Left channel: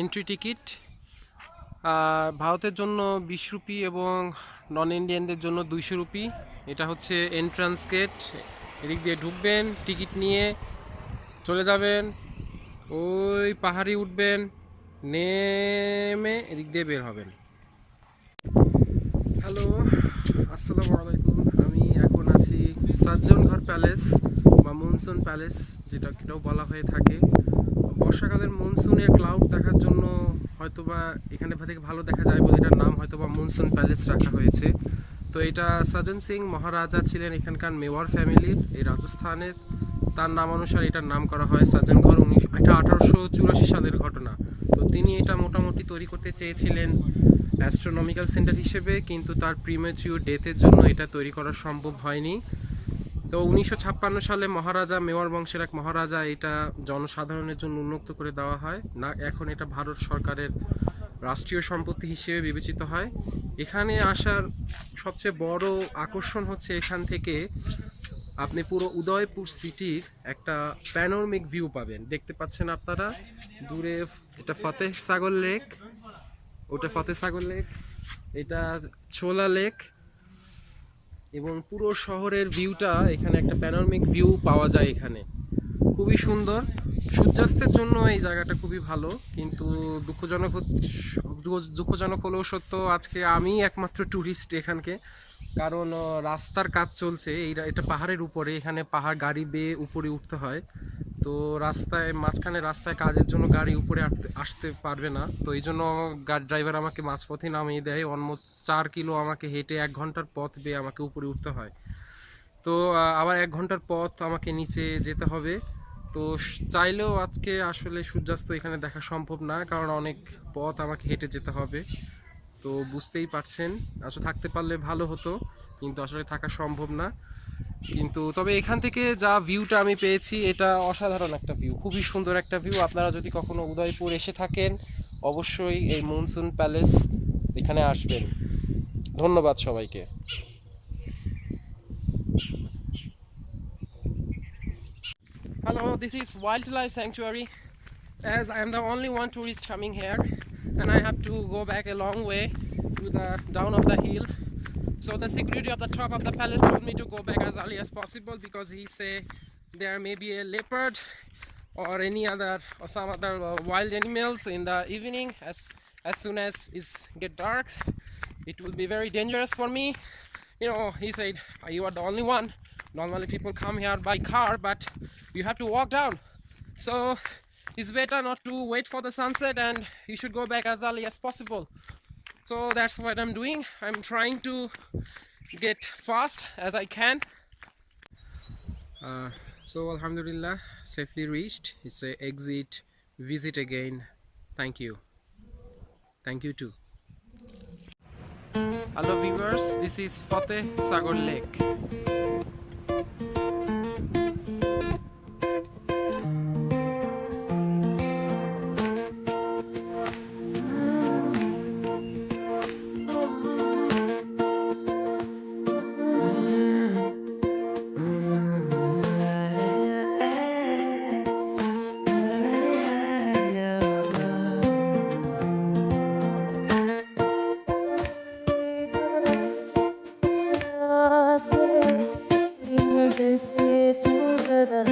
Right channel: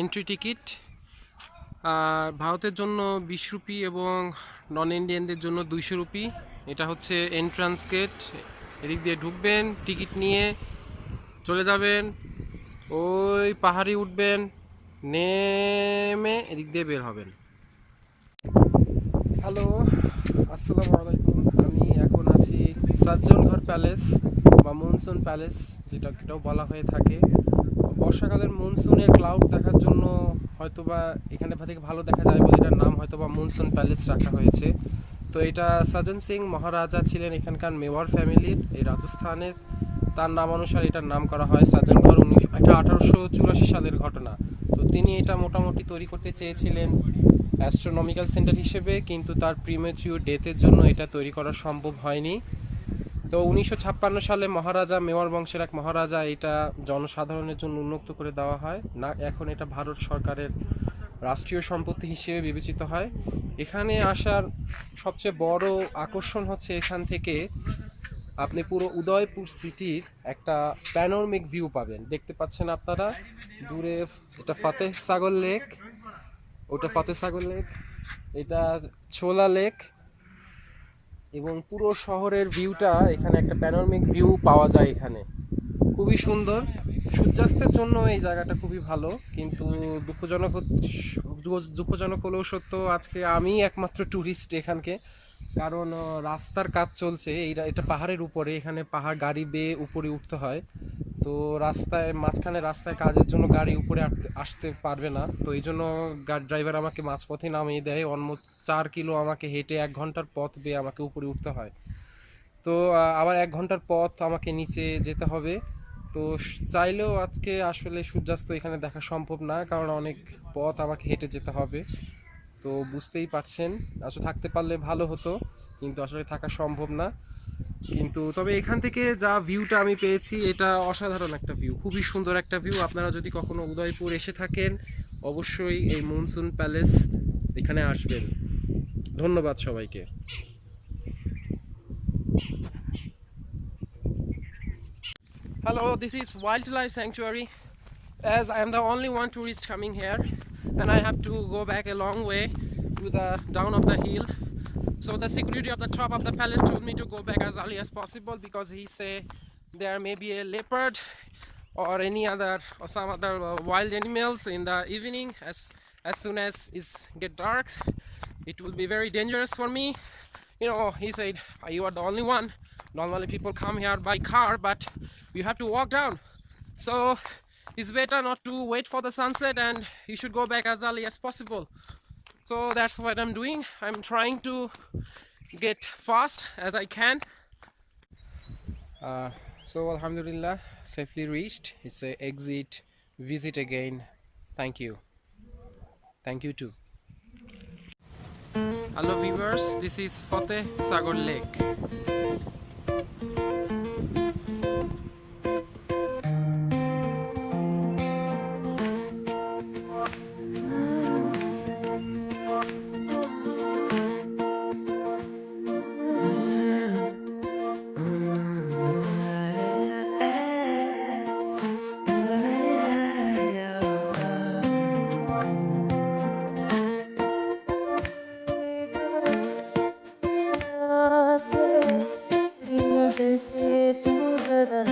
Entry ticket ভারতের জন্য বিশ রুপি এবং নন ইন্ডিয়ানদের জন্য দুইশো রুপি। এটা হচ্ছে এন্ট্রান্স গেট এদিক দিয়ে ঢুকবেন টিকিট নিয়ে চলে যাবেন, ওই পাহাড়ি উঠবেন, নেমে এদিক দিয়ে বের হবেন। হ্যালো আসসালামু আলাইকুম। আমি এখন আছি সাজ্জন ঘর প্যালেস বা মনসুন প্যালেস যেটা এটাও বলা হয়ে থাকে। বর্ষাকালের মনসুনের ক্লাউড দেখার জন্য হয়তোবা এখানে থেকে ভালো দেখা যায় বলে এটার নাম হয়তোবা মনসুন প্যালেস রাখা হয়েছে। তো এটা সাজন সিং মহারাজা ছিলেন এখানকার মেওয়ার ফ্যামিলির, এই রাজস্থানের। তার নাম অনুসারে এটার নাম করা হয় সাজনঘর উনিশ এটা আঠারোশো চুরাশি সালের ঘটনা। তো তিনি এটা মোটামুটি তৈরি করতে চেয়েছিলেন অ্যাস্ট্রোনমিক্যাল সেন্টার হিসেবে, কিন্তু তার প্রিমেচিউর ডেথের জন্য এটা তৈরি করা সম্ভব হয়নি। তো উনিশশো ছাপ্পান্ন সালে মহারাজা মেওয়ার বংশের এক মহারাজা এটা জনসাধারণের জন্য উন্মুক্ত করে দেওয়া হয়। না, এখন এটা ভারত সরকারের রাষ্ট্রীয় সম্পত্তি হিসেবে বিবেচিত হয়। এখানে আসার সবচেয়ে বড় আকর্ষণ হচ্ছে এখান থেকে আপনি পুরো উদয়পুর সিটির একটা প্যানোরমিক ভিউ পাবেন। দেখতে পাচ্ছেন আপনারা? দূরে এটা ফতেহ সাগর লেক ওটা ফতেহ সাগর লেক এটা ছোলা লেক এবং পুরো শহরের ভিউটা এখানে একটা প্যানোরমিক ভিউ পাওয়া যায় এখানে। খুবই সুন্দর। সূর্যাস্তের জন্য এই জায়গাটা খুবই ভালো, কিন্তু দুঃখজনক দুঃখজনক হলেও সত্য, আজকে আমি একমাত্র ট্যুরিস্ট এখানকে। কারণ রাস্তার কাজ চলছে, এই এটা পাহাড়ের উপরে, এখানে পাহাড় গাড়ি বেয়ে উপরে উঠতে হয়। তো রাস্তায়, মাঝখানে রাস্তায় কাজের জন্য গাড়ি উপরে আসতে পারবে না। তো এই জন্য গাড়ি ড্রাইভার আমাকে মাঝপথে নামিয়ে দেয়। অলমোস্ট চার কিলো আমাকে হেঁটে এক ঘণ্টার পথ দিয়ে আমাকে উপরে উঠতে হয়। তো আবার এক ঘণ্টার পথ আমাকে নিচে যেতে হবে। তো চাইলেও আজকে আসলে সূর্যাস্ত এখানে দেখা সম্ভব না, কারণ অনেক পথ আমাকে হেঁটে যেতে হবে। তো বুঝতেই পারছেন। আসলে থাকতে পারলে ভালো হতো, কিন্তু আসলে থাকা সম্ভব না। কিন্তু তবে এখান থেকে যা ভিউটা আমি পেয়েছি, এটা অসাধারণ একটা ভিউ খুবই সুন্দর একটা ভিউ আপনারা যদি কখনো উদয়পুর এসে থাকেন, অবশ্যই এই মনসুন প্যালেস এখানে আসবেন। ধন্যবাদ সবাইকে। Hello this is wild life sanctuary as I am the only one tourist coming here and I have to go back a long way to the down of the hill So the security of the top of the palace told me to go back as early as possible because he say there may be a leopard or any other or some other uh, wild animals in the evening. As as soon as it's get dark it will be very dangerous for me. You know he said you are the only one? Normally people come here by car but you have to walk down. So it's better not to wait for the sunset and you should go back as early as possible so that's what i'm doing. I'm trying to get fast as i can. Uh, so alhamdulillah safely reached. It's a exit visit again. Thank you. Thank you too. Hello viewers this is fateh sagar lake Thank you.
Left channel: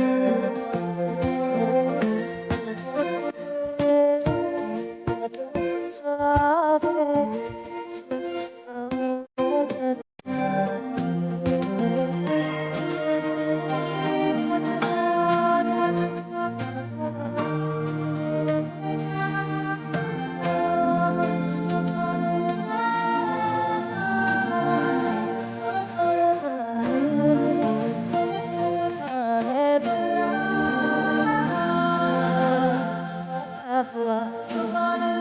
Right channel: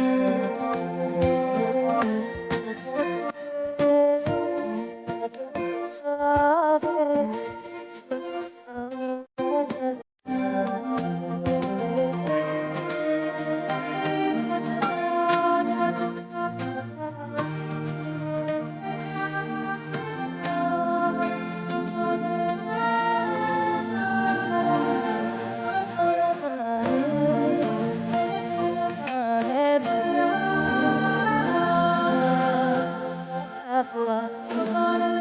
Buffalo.